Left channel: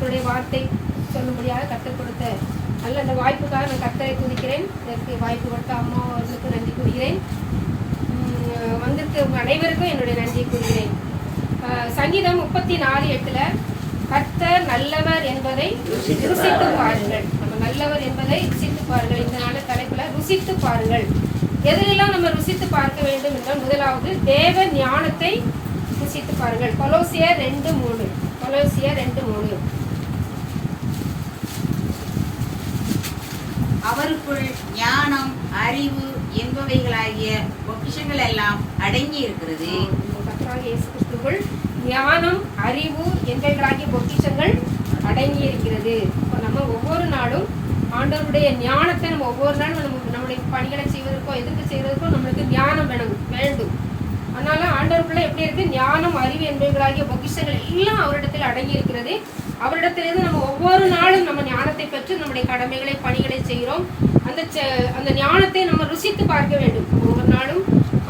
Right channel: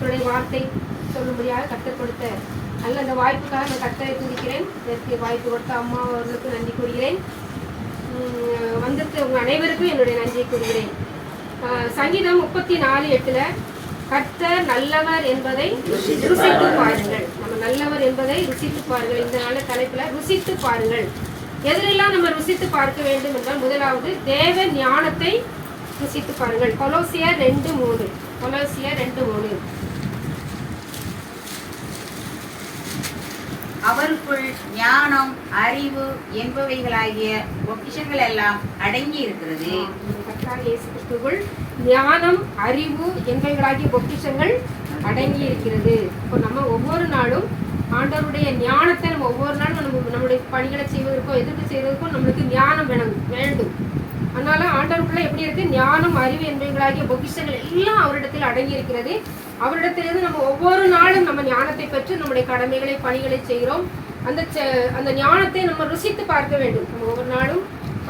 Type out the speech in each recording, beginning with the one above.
கர்த்தருடைய வார்த்தை சொல்லும்படியாக கர்த்தர் கொடுத்த நல்ல அந்த வாய்ப்புக்காக நான் கர்த்தரை துதிக்கிறேன். இதற்கு வாய்ப்பு கொடுத்த அம்மா அவர்களுக்கு நன்றி கூறுகிறேன். வந்திருக்க உங்கள் அனைவருக்கும் என்னுடைய நன்றியை கூறுகிறேன். சங்கீதம் 34:8 கர்த்தர் நல்லவர் என்பதை ருசித்து பாருங்கள். நம்ம நல்லவர் என்பதை ருசித்து பாருங்கள். இந்த நல்ல தலைப்புல ருசித்து பாருங்கள். எதிலெல்லாம் நம்ம ருசித்து பார்க்க வேண்டும் என்றால், முதலாவது தேவ ஞானத்தை ருசித்து பாருங்கள். கொலோசியர் 2:3 அவருக்குள் ஞானம், அறிவு என்பவைகளாகிய பொக்கிஷங்கள் எல்லாம் அடங்கி இருக்கிறது. ஞானம், அறிவு என்பவைகளாகிய பொக்கிஷங்கள் அடங்கி இருக்கிறது. இப்போ நம்ம ஒவ்வொரு நாளும் ஆண்டவருடைய ஞானத்தை நம்ம ஒவ்வொரு நாளும் நம்முடைய பணிகளை செய்வதற்கோ எதிர்ப்பு செய்வதற்கோ நம்மளுக்கு ஞானம் வேண்டும். அதனால ஆண்டவருக்குள்ள எப்படி இருக்கு? ஞானம், அறிவு என்பவைகளாகிய பொக்கிஷங்கள் எல்லாம் அவரிடத்தில் அடங்கி இருக்கிறது. அவரிடத்திலிருந்து நம்ம ஒவ்வொரு நாளும் நம்ம ஞானத்தை பெற்று நம்முடைய கடமைகளை பணிகளை செய்கிறோம். அந்த ஞானத்தை நம்ம ருசித்து பார்க்க வேண்டும். நம்ம ஒவ்வொரு நாளும்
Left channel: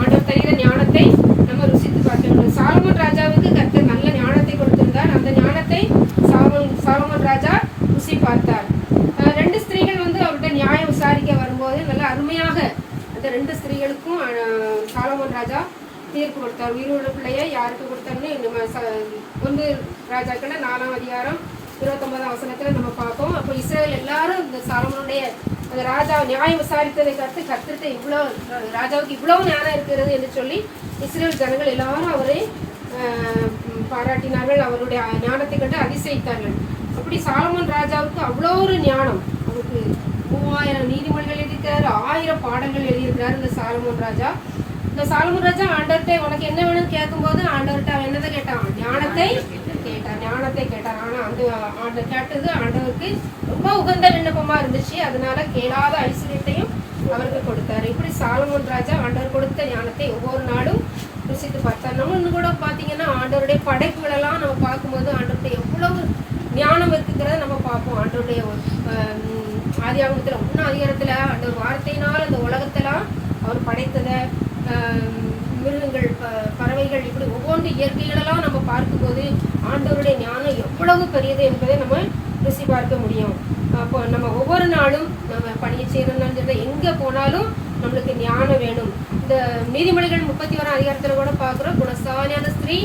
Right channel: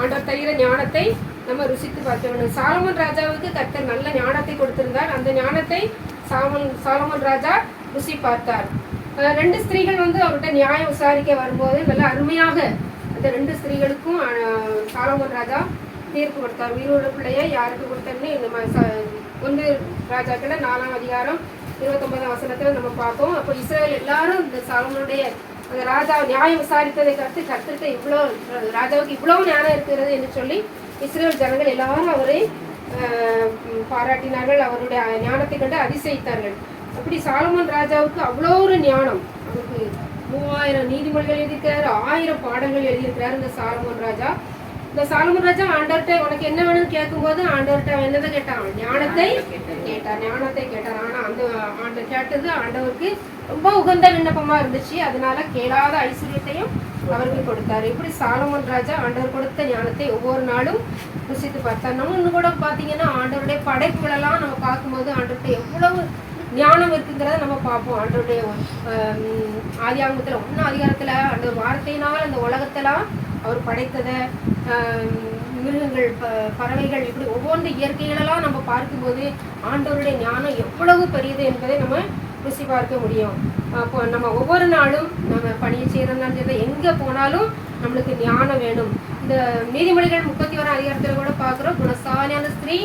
ஆண்டவர் தருகிற ஞானத்தை நம்ம ருசித்து பார்க்க வேண்டும். சாலமோன் ராஜாவுக்கு கர்த்தர் நல்ல ஞானத்தை கொடுத்திருந்தார். அந்த ஞானத்தை சாலமோன் ராஜா ருசி பார்த்தார். 2 ஸ்திரீகள் அவர்கிட்ட நியாயம் விசாரிக்க வரும்போது நல்ல அருமையாக அந்த 2 ஸ்திரீகளுக்கும் சாலமோன் ராஜா தீர்ப்பு கொடுத்தார். உயிரோடு பிள்ளையை யாருக்கு கொடுத்தாருன்னு நம்ம 1 ராஜாக்கள 4ஆம் அதிகாரம் 29ஆம் நம்ம பார்ப்போம். அப்போ இஸ்ரேல் எல்லாரும் இந்த சாலமோனுடைய அந்த ராஜா நியாயம் விசாரித்ததை கருத்து இவ்வளோ ராஜாவுக்கு இவ்வளவு ஞானம் இருக்கிறது என்று சொல்லி இஸ்ரேல் ஜனங்கள் எல்லாரும் அவரை பாராட்டினார்கள். அவருடைய ஞானத்தை கண்டு அதிசயித்தார்கள். அப்படி சாலமோன் ராஜாவுக்கு அவ்வளோ ஒரு ஞானம். அவருக்கு 3000 நீதிமொழிகள் எழுதியிருக்கிறார், 1000 பாடங்கள் எழுதியிருக்கிறார் இந்த சாலமோன் ராஜா. இந்த சாலமோன் ராஜா ஆண்டவர்கிட்ட உனக்கு என்ன வேணும்னு கேட்கும்போது ஆண்டவர்கிட்ட என்னதை கேட்டான்? ஞானத்தை கேட்டார். ஆனா அந்த கேட்டது ஆண்டவருக்கு ரொம்ப உகந்த விண்ணப்பமா இருந்துச்சு. அதனால கேளாத ஐஸ்வர்யத்தையும் அவருக்கு கொடுத்தாரு. இப்படி சாலமோன் ராஜா ஆண்டவர் கொடுத்த ஞானத்தை ஒவ்வொரு நாளும் ருசித்து பார்த்தார். நம்ம இன்னும் கூட பாத்தீங்கன்னா ஆண்டவருடைய படைப்புகள் எல்லாம் நம்ம பார்க்கும்போது ஆண்டவர்கிட்ட எவ்வளவு ஞானம் இருக்குங்கிறத நம்ம பார்ப்போம். ஆண்டவருடைய ஆதியாகமத்துல 1 அதிகாரத்துல ஆண்டவர் வார்த்தையினால் அந்த உலகத்தெல்லாம் அவர் படைத்ததை, மிருகங்கள், பறவைகள், இப்படி ஒவ்வொரு இயற்கைகளெல்லாம் நம்ம பார்க்கும்போது ஆண்டவருடைய ஞானம் எவ்வளவு பெரியது என்பதை நம்ம ருசி பார்க்க முடியும். அப்போ நம்ம ஒவ்வொரு நாளும் நம்ம பணியை செய்யறதுனாலும் சரி, எங்க போனாலும் நம்மளுக்கு ஞானம் வேணும். இந்த நீதிமொழிகள் 31ஆம் அதிகாரத்துல கூட பார்க்கிறோம். குணசாலியான ஸ்திரீ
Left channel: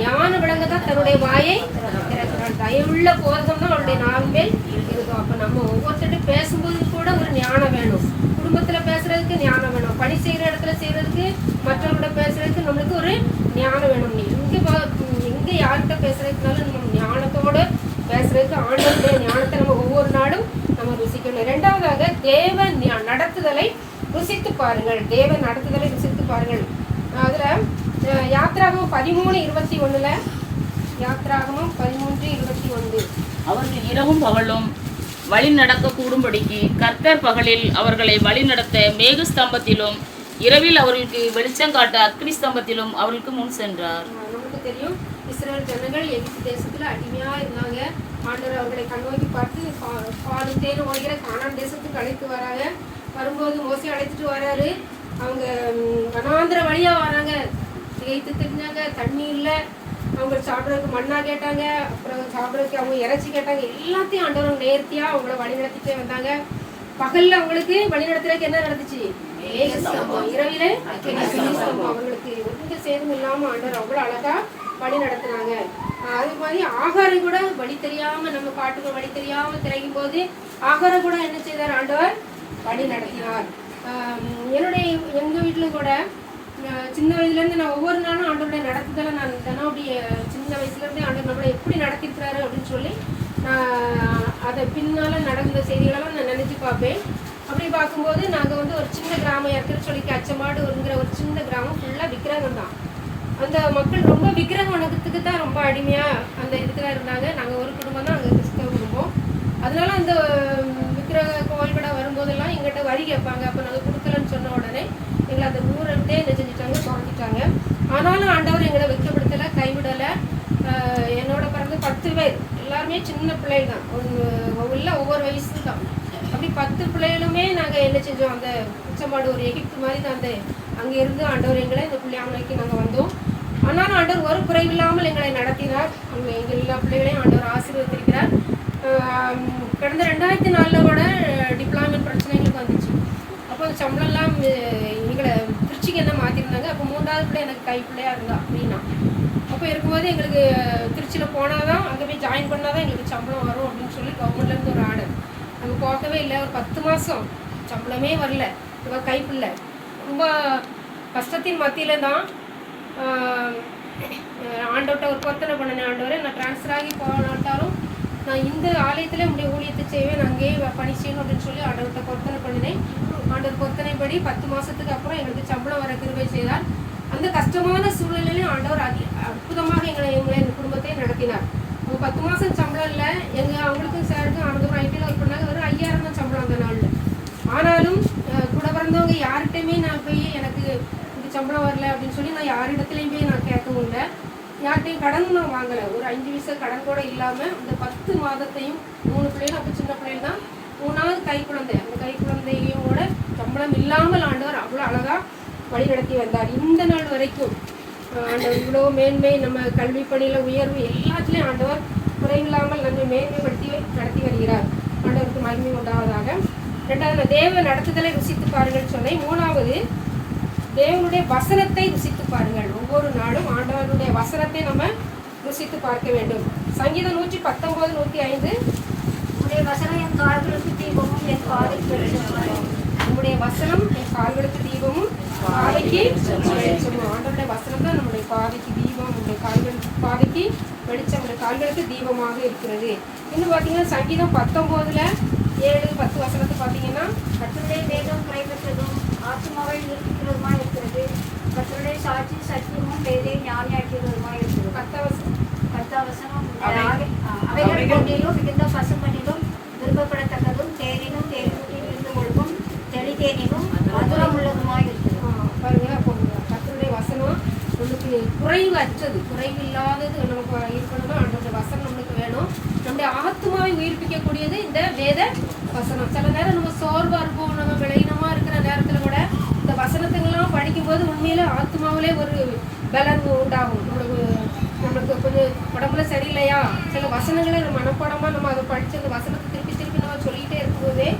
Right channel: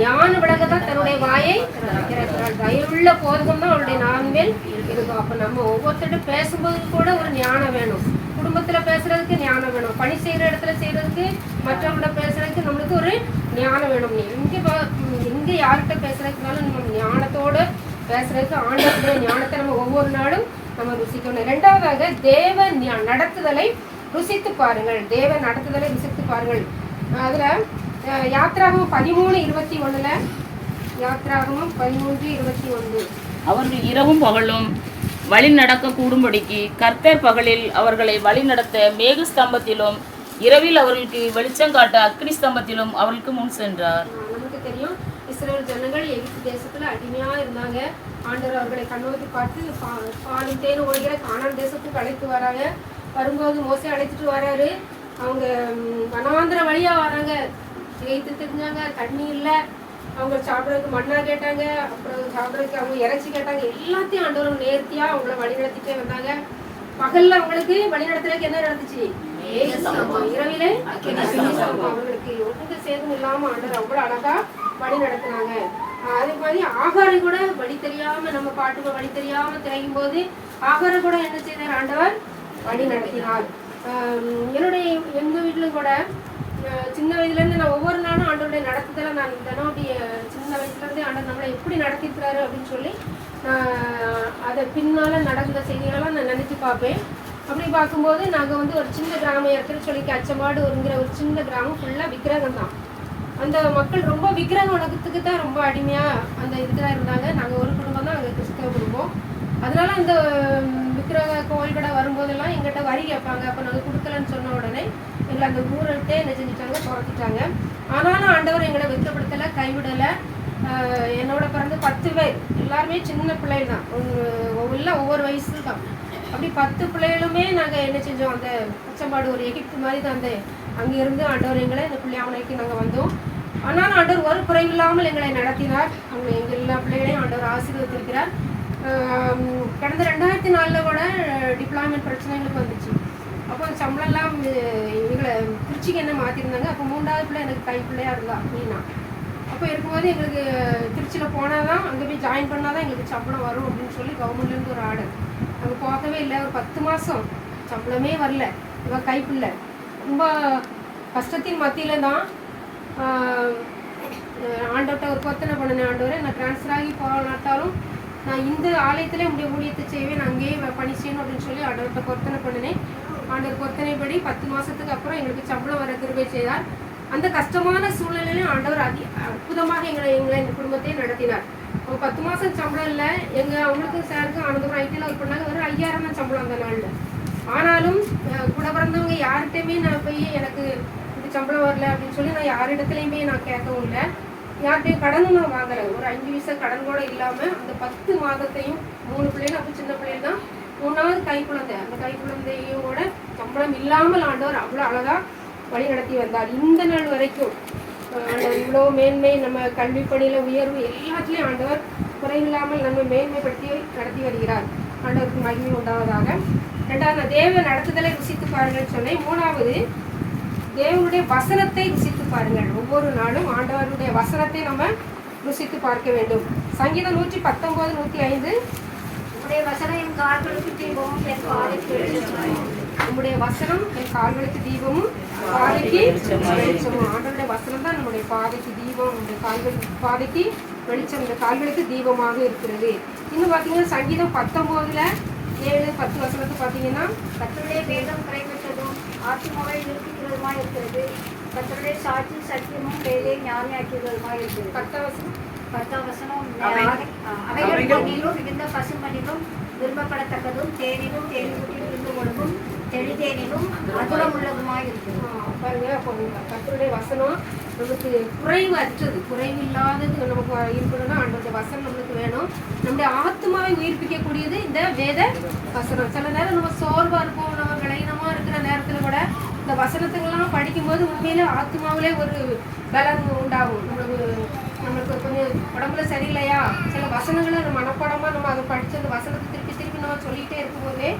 ஞான விளங்கதான் தன்னுடைய வாயை திறக்கிறாள். தயவுள்ள போதகம் தான் அவளுடைய நான்மேல் இருக்கும். அப்ப நம்ம ஒவ்வொருத்தரும் பேசும்போது கூட ஒரு ஞானம் வேணும். குடும்பத்துல பேசுறதுக்கு ஞானம் வேணும். பணி செய்யற இடத்துல செய்யறதுக்கு, மற்றவங்கள பேசுறதுக்கு நம்மளுக்கு ஒரு ஞானம் வேணும். எங்க யார்கிட்ட பேசுறதுக்குனாலும் நம்ம ஞானத்தோட பேசுறதுக்கு ஆண்டவருடைய ஞானத்தை நம்ம ஒவ்வொரு நாளும் நம்ம ருசிக்கணும். 2வதாக தேவ நடத்துதலை ருசித்து பாருங்கள். தேவ நடத்துதலை ருசித்து பாருங்கள். அதுல யாத்ராகமம் 13:21 யாத்ராகமம் 13:21 அவர்கள் இரவும் பகலும் வழி நடக்க கூடும்படிக்கு கர்த்தர் பகலில் அவர்களை வழி நடத்த மேக ஸ்தம்பத்திலும் இரவில் அவர்களுக்கு வெளிச்சம் காட்ட அக்னி ஸ்தம்பத்திலும் அவர்களுக்கு முன் சென்றார். நமக்கு தெரியும், இஸ்ரேல் ஜனங்கள் எகிப்து தேசத்துல அடிமையா இருந்தாங்க. ஆண்டவர் அவர்களை கண்ணோக்கி பார்த்து பாலும் தேனும் ஓடுகிற கானான் தேசத்துக்கு அழைத்து வராங்க. வரும்போது மோசே அழைத்துட்டு வர்றாரு. அவங்க வனாந்திர வழியா வராங்க. எகிப்து தெரிஞ்சாங்க, தண்ணி இல்லை. அவங்க சாப்பிட்றதுக்கு மண்ணா கேட்டாங்க, அப்புறம் சாப்பிட்றதுக்கு அவங்க இறைச்சி கேட்டாங்க. எல்லாத்தையும் ஆண்டவர் நேர்த்தியா அவங்கள வழி நடத்திட்டே வந்தாங்க. பகல்ல அவங்களுக்கு வழி நடத்துறதுக்கு என்ன நடந்துச்சு? இரவிலே அவர்களுக்கு ஒன்றுக்கு சேதம் இல்லாம ஆண்டவர் அவ்வளவு அழகா வழி நடத்தினாங்க. அதே மாதிரி ஆகாரம் கூட வழி தெரியாம, நம்ம பாட்டுக்கு வழி தெரியாம திரையும் போது ஆகாரம் கூட என்ன செய்தார்? ஆண்டவர் வழி நடத்தினார். எங்க வீட்டுல கூட சின்ன வயதுலேருந்து நான் ஒவ்வொரு நாளும் ஆண்டவருடைய நடத்துதலை நான் தன்னுடைய சின்ன வயசுலேருந்தே ஆண்டவர் நம்மளை எப்படி நடத்திக்கிறாரு அப்படின்னு சொல்லி அதை பின்னால் நடந்த செய்திகளெல்லாம் நான் நினச்சி பார்ப்பேன். அப்படி பார்க்கும்போது நாங்கள் ஒரு சின்ன கிராமம் இருக்கிற சொல்லி அச்சமாடுங்கிற ஒரு சின்ன கிராமம் ஃபுல்லாக விக்கிரகம் தான். அந்த மக்கள் ரொம்ப விக்கிரகம் வணக்கத்துக்கு தான் ரொம்ப அடிமையாக அந்த இதுக்கு தான் இருந்தாங்க. நாங்கள் ஒரு குடும்பம் தான், அங்கே கிறிஸ்தவ குடும்பம். அதனால அந்த விக்கிரக கோவில் கடை வரும்போதெல்லாம் எங்கிட்ட வரி கேட்பாங்க. அப்போ நாங்கள் கொடுக்கலன்னு சொன்ன உடனே எங்களை அந்த ஊரட்டே என்ன செஞ்சுட்டாங்க? துரத்திட்டாங்க. ஆனாலும் ஆண்டவர் எங்களை வெட்கப்படுத்தலை, கைவிடலை. என்னோட பிறந்து 10 பேர், எல்லாருமே சின்ன பிள்ளைகள் தான், ஒவ்வொரு வயசு தான். அப்படி 10 பிள்ளைகளுமே நாங்கள் என்ன செஞ்சோம்? அந்த பச்சைமாடு ஒரு எகிப்து மாதிரி தான். அந்த அங்கே இருந்து ஆண்டவர் எங்களை இந்த பிள்ளையாமலைக்கு நாங்கள் வந்தோம். ஆனாலும் ஆண்டவர் ஒரு குறைவில்லாமல் எங்களை நடத்தினார். எங்கள் எல்லா பிள்ளைகளையும் ஆண்டவர் ஆசீர்வதித்திருக்கிறார். கடந்த 2004 கூட டிப்ளாய்மெண்ட் பிரச்சனைகளுக்கு வந்துச்சு. அப்போ சம்பளம்லாம் எங்களை திருச்சிக்கு என்ன மாற்றிருந்தாங்க. அப்போ 3வது பிள்ளை எனக்கு கை பிள்ளையாக இருந்தா அப்படின்னா. அப்போ இருக்கும்போது எங்களுக்கு திருச்சியில் போனால் தான் அங்கே போய் ஜாயின் பண்ணால் தான் எங்களுக்கு சம்பளம் வரும் அப்படின்னு சொல்லி கவர்மெண்ட்லேருந்து ஒரு ஆர்டர். அங்கே போகவே இல்லை. ஒரு 10 மாதம் சம்பளமே வரல. இவன் கைப்பில்லை. ரொம்ப கஷ்டத்தின் மத்தியில் தான் ஆண்டவர்கிட்ட ஒரு பொருத்தனை பண்ணினேன். ஆண்டவரை நான் ட்ரான்ஸ்ஃபர் ஆகி போனாட்டாலும் நான் இந்த ஆலயத்தில் என்னுடைய ஊழியத்தை செய்வேன், நான் அங்கேயே பணி செய்யணும் அப்படின்னு சொல்லி ஆண்டவர்கிட்ட பொருத்தனை பண்ணினேன். ஆண்டவர் பொருத்தனைப்படி 10 மாதத்துக்கு அப்புறம் எங்களுக்கு சம்பளம் வர கிருபை செய்தார். அந்த கஷ்டமான சூழ்நிலையிலும் ஆண்டவர் அற்புதமாக எங்கள் குடும்பத்தை நடத்தினார். அவங்க 10 மாதம் சம்பளம் இல்லை. அவங்களுக்கும் சாருக்கும் ஆனந்தம் ஐடியில் ஒர்க் பண்ணாங்க. வெறும் 5000 தான் சம்பளம் அந்த நாளில். ஆனாலும் கூட பிறந்தவங்க யார்கிட்டையுமே நான் போய் எனக்கு இது சம்பளம் வரல அப்படின்னு சொல்லி நான் யாரிடத்துலையும் போய் நான் கேட்கவும் இல்லை. யார்கிட்டையும் கடனும் நான் வாங்கலை. ஒரு 5 பைசா கடன் கூட இல்லாமல் அந்த 10 மாதத்தையும் 3 பிள்ளைகள், அப்போ சின்ன பிள்ளைகள் தான், 3வது கைக்குழந்தை, அந்த கைக்குழந்தையோட சம்பளம் இல்லாமல் ஆண்டவர் அவ்வளோ அழகாக வழி நடத்தி வந்தார். இந்த நாள் வரைக்கும் ஆண்டவர் இவ்வளோ மேன்மை, நம்ம கல்வி பணியில் உயர்வு எல்லாத்துலேயும் ஆண்டவர் குறைவில்லாமல் நம்மை மேன்மைப்படுத்தி நடத்தி வருகிறார். ஆண்டவருக்கு மகிமை உண்டாவதாக. 2வது தேவ நடத்துதலை ருசித்து பாருங்கள் சொன்னேன். 3வது தேவனுடைய வசனத்தை ருசித்து பாருங்கள். ஒவ்வொரு நாளும் ஆண்டவருடைய வசனத்தை நம்ம ருசித்து பார்க்க வேண்டும். சங்கீதம் 119, 105. உம்முடைய வசனம் என் கால்களுக்கு தீபமும் என் பாதைக்கு வெளிச்சமும். நம்முடைய வசனம் என் கால்களுக்கு தீபமும் பாதைக்கு வெளிச்சமும். ஆண்டவருடைய வசனம் தான் நம்முடைய பாதைக்கு தீபம், நம்முடைய பாதைக்கு வெளிச்சம், இந்த கால்களுக்கு தீபமாக இருக்கிறது. இன்னும் பார்த்தீங்கன்னா சங்கீதம் 19:7-10 வசனத்தை பார்த்தீங்கன்னா, கர்த்தருடைய வேதம் குறைவற்றதும் ஆத்துமாவை நிறுத்திக்கிறதுமாய் இருக்கிறது. கர்த்தருடைய சாட்சி சத்தியமும் வேதை ஞானியாக்கிறதுமாய் இருக்கிறது. 10 வசனம் அவைகள் பொன்னிலும் மிகுந்த பசுமணிலும் விரும்பப்படத்தக்கதும் தேனிலும் தேன்கூட்டில் இருந்து ஒழுகும் தெளிதேனிலும் மதுரம் உள்ளதுமாய் இருக்கிறது. பாருங்க, அப்போ கர்த்தருடைய வசனம் நம்மளுக்கு குறைவு அற்றது, குறைவில்லாதது நமக்கு இருக்கணும்னா ஆண்டோடைய வசனம் நம்மளுக்கு வேணும். நம்முடைய ஆத்மாவை உயிர்ப்பிக்கக்கூடியது இந்த வேத வசனம். சில நேரம் நம்ம சோர்வாக இருப்போம், நம்ம விளையினமாக இருக்கிற நேரத்தில் கூட இந்த வசனத்துங்கெல்லாம் படிக்கும்போது உண்மையில ஆத்மாவிலே ஒரு பலன் உண்டாகும். நம்மளுக்கு கொஞ்சம் உடம்புல சரியில்லையா, சில வசனங்களை நம்ம மனப்பாடமாக நம்ம அதை படித்து அந்த வசனத்தை திருப்பி திருப்பி நம்ம சொல்லிகிட்டே இருக்கும்போதே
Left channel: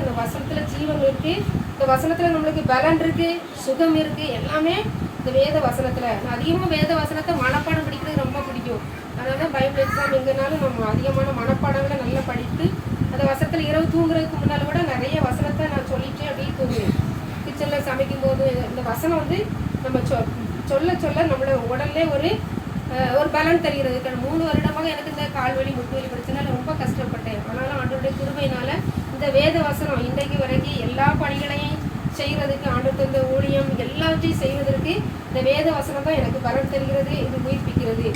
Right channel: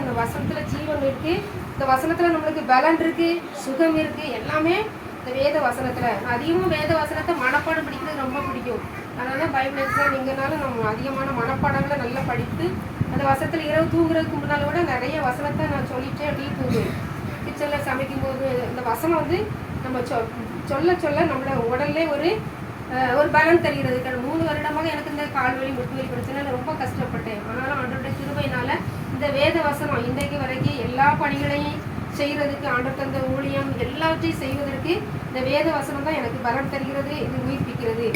இந்த வசனத்தில் ஜீவன் இருக்குது, இந்த வசனத்தில் நம்மளுக்கு பலன் இருக்குது, சுகம் இருக்குது, எல்லாமே இந்த வேத வசனத்தில். நான் அதிகமாக வேத வசனத்தை மனப்பாடம் படிக்கிறது ரொம்ப பிடிக்கும். அதனால தான் பைபிள் எக்ஸாம் எங்கேனாலும் நம்ம அதிகமான மனப்பாடங்களை நல்லா படித்து அந்த வசனத்தில் இரவு தூங்குறதுக்கு முன்னால் கூட நிறைய வசனத்தை நான் சொல்லிட்டே அப்படியே தூங்குவேன். கிச்சனில் சமைக்கும் போது இந்த வசனம் நம்ம சொல்ல சொல்ல நம்மளோட உடல்லே ஒரு பலன் தெரிகிறது. 3 வருடமாக எனக்கு இந்த கால்வலி முட்டுவலி பிரச்சனை ரொம்ப கஷ்டப்பட்டேன். ஆனாலும் ஆண்டவருடைய கிருபையினால இந்த வேத வசனம் இன்றைக்கு வரைக்கும் எல்லா பணிகளையும் செய்கிறதுக்கு, ஆண்டவர் தந்த ஊழியம் எல்லாத்தையும் செய்வதற்கு இந்த வேத வசனம் தான் எனக்கு பலன் தருகிறது, இது உயிர்ப்பிக்கிறது.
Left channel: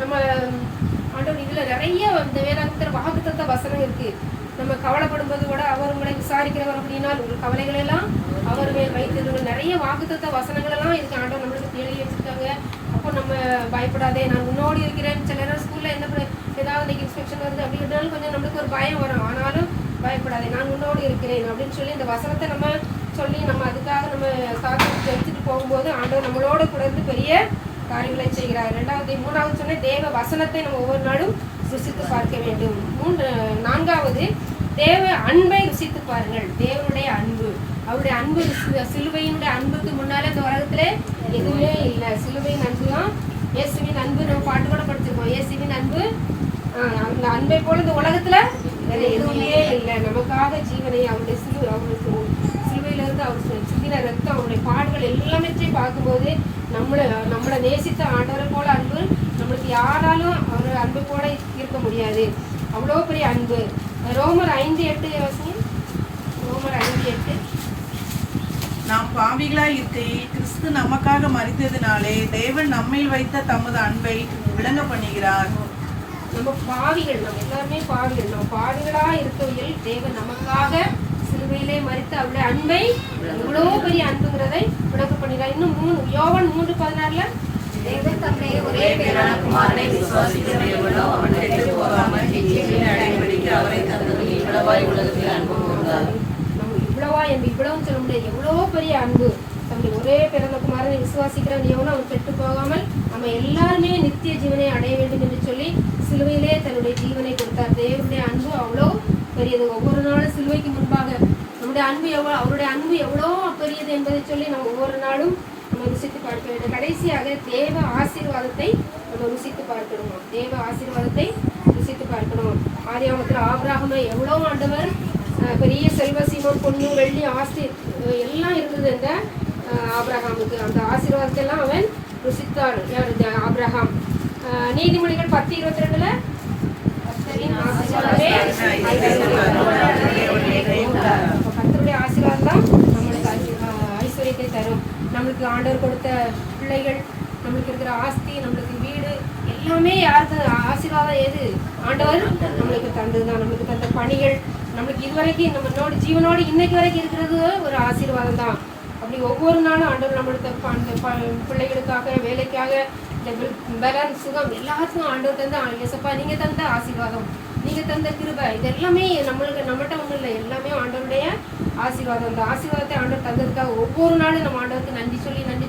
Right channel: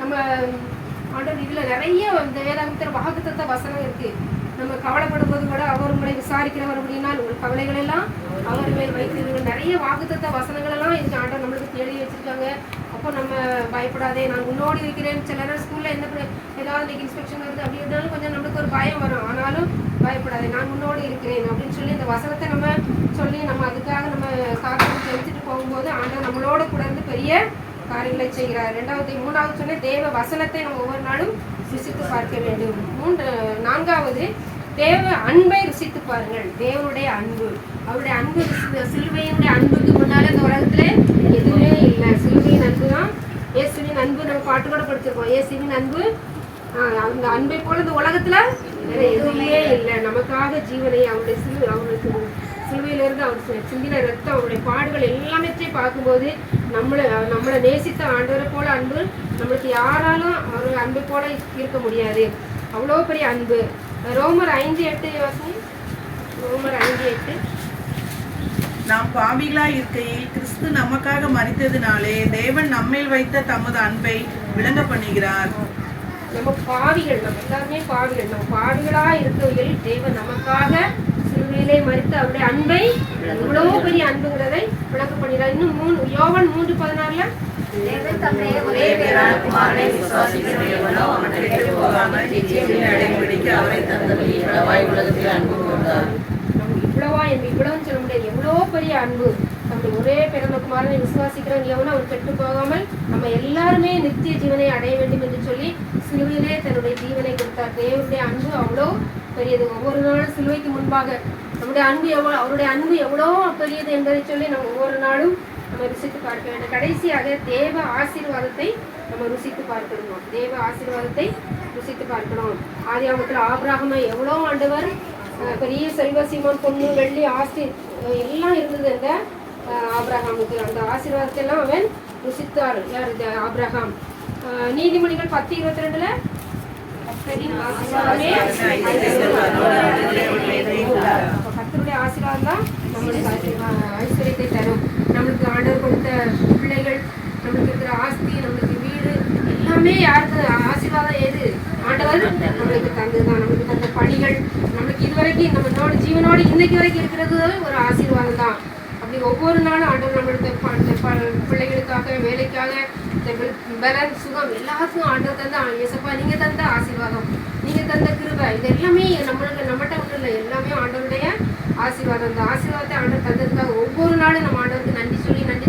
நம்ம ஆண்டவர் இதில் நிறைய இந்த வேதாகத்தில் வாக்குத்தத்த வசனம் இருக்குது. நம்ம கவலைப்படும் போது கூட அவர் உங்களை விசாரிக்கிறவர் அப்படின்னா உங்கள் கவலைகள் எல்லாம் அவர் மேல் வைத்திருங்கள். நிறைய வாக்குத்தத்த வசனங்கள் எல்லாம் இதுக்கு ஆண்டவர் நம்மளுக்கு தேடி வச்சுருக்காங்க. அப்போ நம்ம பயப்படாதே, நான் உன்னோடு இருக்கிறேன். சில நேரம் ஸ்கூலில் ஏதாவது இன்ஸ்பெக்ஷன் வந்து அப்படி இருந்தாலும் கொஞ்சம் நம்மளுக்கு ஒரு பயம் வரும். ஆனாலும் பயப்படாதே, நான் உன்னோடு இருக்கிறேன் அப்படின்னு சொல்லி இந்த வசனத்தை நம்ம சொல்லி நம்ம அதுக்காக நம்ம காரணம் ஜெயிச்சுட்டு போகும்போது ஆண்டவர் நம்மளோட கூட இருந்து பெரிய காரியங்களை செய்கிறார். 3வது சொன்ன தேவ வசனத்தை நம்ம ஒவ்வொரு நாளும் ருசித்து பார்க்க வேண்டும். 4வது தேவ அன்பை ருசித்து பாருங்கள். தேவனுடைய அன்பு, அவருடைய அன்பு, சிலுவையினுடைய அன்புக்கு முன்னால இந்த உலகத்துல எதுவுமே இல்லை. சிலுவையின் அன்பு தான் இயேசுவின் அன்பு. நம்ம பாட்டு கூட படிச்சிருக்கோம், இயேசுவின் அன்பு. அந்த அன்பை போல இந்த உலகத்துல எதுவுமே இல்லை. நமக்காக ஜீவனை அவருடைய சிலுவையிலிருந்து அவர் சிந்தின ரத்தம், அவருடைய பாடுகள் எல்லாமே பார்க்கும்போது நம்மளை நேசித்த ஆண்டவரை போல அன்பு நம்மளுக்கு யாராலும் அவர் அன்பை போல இருக்க முடியாது. அவ்வளோ பெரிய அன்பு. ரோமர் 5:8 யோசனை. ரோமர் 5:8. நாம் பாவிகளாய் இருக்கையில் கிறிஸ்து நமக்காக மரித்ததினாலே தேவன் நம்மேல் வைத்த தமது அன்பை விளங்க பண்ணுகிறார். நம்ம பாவிகள், நம்ம எல்லாருமே பாவிகள். நம்ம பாவிகளா இருக்கையில் தேவன் நமக்காக சிலுவையிலே மரித்து அவருடைய அன்பை, எவ்வளவு பெரிய அன்புங்கிறதை விளக்க பண்ணுகிறார். இன்னும் யோவான் 3:16 தேவன் தம்முடைய ஒரே பேரான குமாரனை விசுவாசிக்கிறவனோ அவன் கெட்டுப் போகாமல் நித்திய அடையும்படிக்கு அவரை தந்தது இவ்வளவாய் உலகத்தில் அன்பு கூர்ந்தார். நம்ம இவ்வளவா என்று இவ்வளவு சொல்ல முடியாது. எவ்வளோ பெரிய அன்பு நம்முடைய ஒரே பிறந்த குமாரனை விசுவாசிக்கிறவன் எவனும் அவன் கெட்டு போகாமல் நம்ம எல்லாருமே நித்திய ஜீவனை அடைய வேண்டும் என்று சொல்லி சிலுவையிலே தன்னுடைய ஜீவனை கொடுத்தார். தேவனுடைய அன்பு அவ்வளோ பெரியது. ஒவ்வொரு நாளும் சிலுவைக்கு முன்பாக நம்முடைய அன்பு அவருடைய அன்பு எவ்வளோ பெரியது என்பதை சொல்லி நம்ம ஒவ்வொரு நாளும் நம்ம ருசித்து பார்க்க வேண்டும். கடைசியாக தேவ ஆசீர்வாதத்தை நம்ம ருசித்து பார்க்கணும். தேவ ஆசீர்வாதத்தை ருசித்து பார்க்கணும். ஆதியாகமத்தில் ஆபிரகாமை எவ்வளோ ஆண்டவர் பெரிய செல்வ சீமம், பொண்ணு, வெள்ளி, ஆஸ்தி எல்லாம் இருந்தது. அந்த ஆபிரகாமுக்கு அந்த ஆசீர்வாதத்தை எல்லாம் அவன் ருசித்தார். யார்? ஆபிரகாம். நீதிமொழிகள் 10:22 கர்த்தருடைய ஆசீர்வாதம் தான் நம்மளுக்கு ஐஸ்வர்யத்தை தரும். நம்மளுக்கு ஆண்டவர் கொடுத்த பிள்ளைகள், நம்மளுக்கு இருக்கிற ஆஸ்தி, நம்மளுக்கு வீடு எல்லாமே யாருக்கு ஆசீர்வாதம்? ஏது? ஆண்டவர் நம்மளுக்கு தந்ததுதான். நம்மளுக்கு தந்த பணிகள், நம்மளுக்கு இதுவரைக்கும் நம்மளோட ஜீவனோடு இன்னைக்கு வரைக்கும் இருக்கிறது ஒரு ஆசீர்வாதம் தான். அப்படி ஒவ்வொரு நாளும் ஆண்டவர் நம்மளுக்கு பிள்ளைகளுக்காக, வேலைக்காக, பலன், சுகம் எல்லாத்துக்கும் ஆண்டவர் தந்த இயேசப்பா நீங்க தந்த ஆசீர்வாதம், நீங்க தந்த கிருபை, இது எல்லாமே நம்மகிட்ட ஒன்றும் இல்லை, எல்லாமே ஆண்டவருடைய ஆசீர்வாதம். அந்த ஆசீர்வாதத்தை ஆண்டவர் தந்ததுக்காக ஒவ்வொரு நாளும் நம்ம ஆண்டவருக்கு நன்றி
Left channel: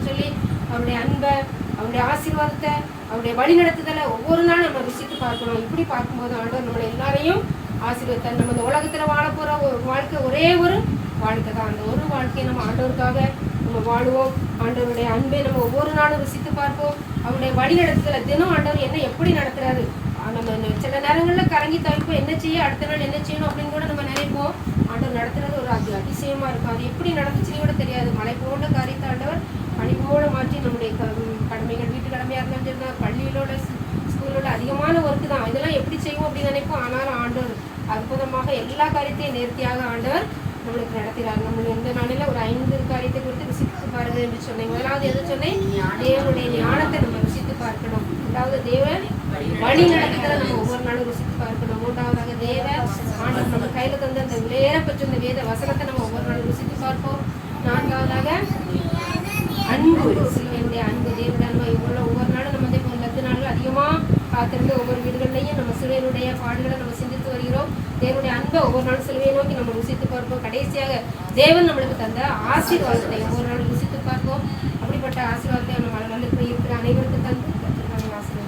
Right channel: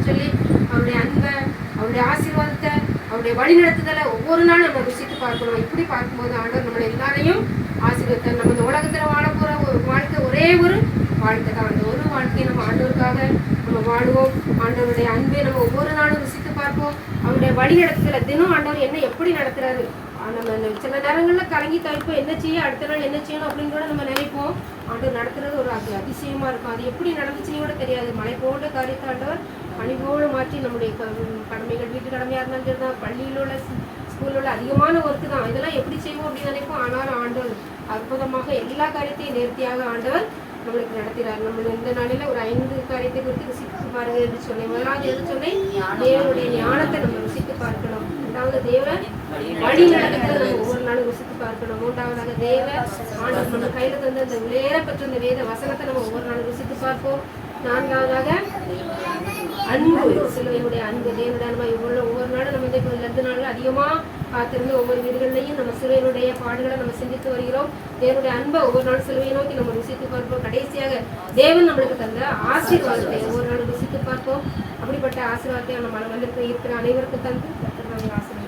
சொல்லி அவருடைய அன்பை, அவருடைய ஆசீர்வாதத்தை, அவருடைய வழி நடத்துதலை ஒவ்வொரு நாளும் நம்ம ருசித்து பார்க்கணும். இப்படி பார்க்கும்போது ஆண்டவர் நம்மளை எல்லாரையும் ஆசீர்வாதத்தை, நம்ம இந்த உலகத்துல வாழ போற ஒரு வாழ்க்கை ஒரே ஒரு வாழ்க்கை தான். அந்த ஒரு வாழ்க்கையை நம்ம ஆண்டவருக்காக நம்ம வாழுவோம். ஆண்டவருடைய அன்பை நம்ம ஒவ்வொரு நாளும் ருசித்து பார்ப்போம். அவருடைய வழி நடத்துதல தினம் ஆண்டவர் என்ன எப்படி நடத்துறாரு, நம்ம சில நேரங்களில் கலங்கி தவிப்போம், என்ன செய்ய, அடுத்த நாள் என்ன செய்யணும் அப்படின்னு கூட நம்ம நினைப்போம். ஆண்டவர் நடத்துறது ஒரு அதிசயமா இருக்கும். அது எப்படி நடந்துச்சுன்னு கூட தெரியாது. மலை போன்ற காரியத்தை ஆண்டவர் பணி போல மாற்றி நம்முடைய கடமைகள், வீட்டு கடமையா இருந்தாலும் சரிதான், பள்ளியில் உள்ள ஸ்கூலோட அதிகமான ஒர்க்கு தான், இதெல்லாம் எப்படி செய்வோம் அப்படின்னு நினைப்போம். ஆனாலும் ஆண்டவர் அற்புதமாக எல்லா காரியத்தையும் நேர்த்தியாக ஆண்டவர் நம்மளுக்கு நடத்துகிறார். நம்ம இந்த நாளில் ஒரு 5 காரியத்தை குறித்து ருசித்து பாருங்க என்று சொன்னேன். முதலாவது எது சொன்னேன்? தேவனுடைய ஞானத்தை நம்ம ருசித்து பார்க்கணும். இரண்டாவது தேவ வழி நடத்துகிறத நம்ம ஒவ்வொரு நாளும் ருசித்து பார்க்கணும். மூன்றாவதாக தேவ ஆண்டவர் நம்ம கையில தந்த அந்த விளையாட பெற்ற அந்த வேத வசனத்தை நம்ம ஒவ்வொரு நாளும் ருசித்து பார்ப்போம். நான்காவதாக அன்பு, சிலுவையுடைய அன்பு, தேவனுடைய அன்பு. இவ்வளோ ஒவ்வொரு நாளும் நம்ம இந்த நாளில் அதிகமாக பார்த்திருந்து ஒவ்வொரு வீடுகள்லையும் நம்ம சிலுவையினுடைய பாடுகளை நம்ம சிந்தித்து வருகிறோம். தேவனுடைய அன்பை ஒவ்வொரு நாள் சிலுவையை நோக்கி நம்ம ருசித்து பார்ப்போம். கடைசியாக தேவன் நம்மளுக்கு தந்த ஆசீர்வாதத்தை ஒவ்வொரு நாள் ருசித்து பார்ப்போம். அப்படிப்பட்ட ஆசீர்வாதத்தை நம்ம வந்து இருக்கிற அனைவருக்கும் தந்து ஆசீர்வாதம்.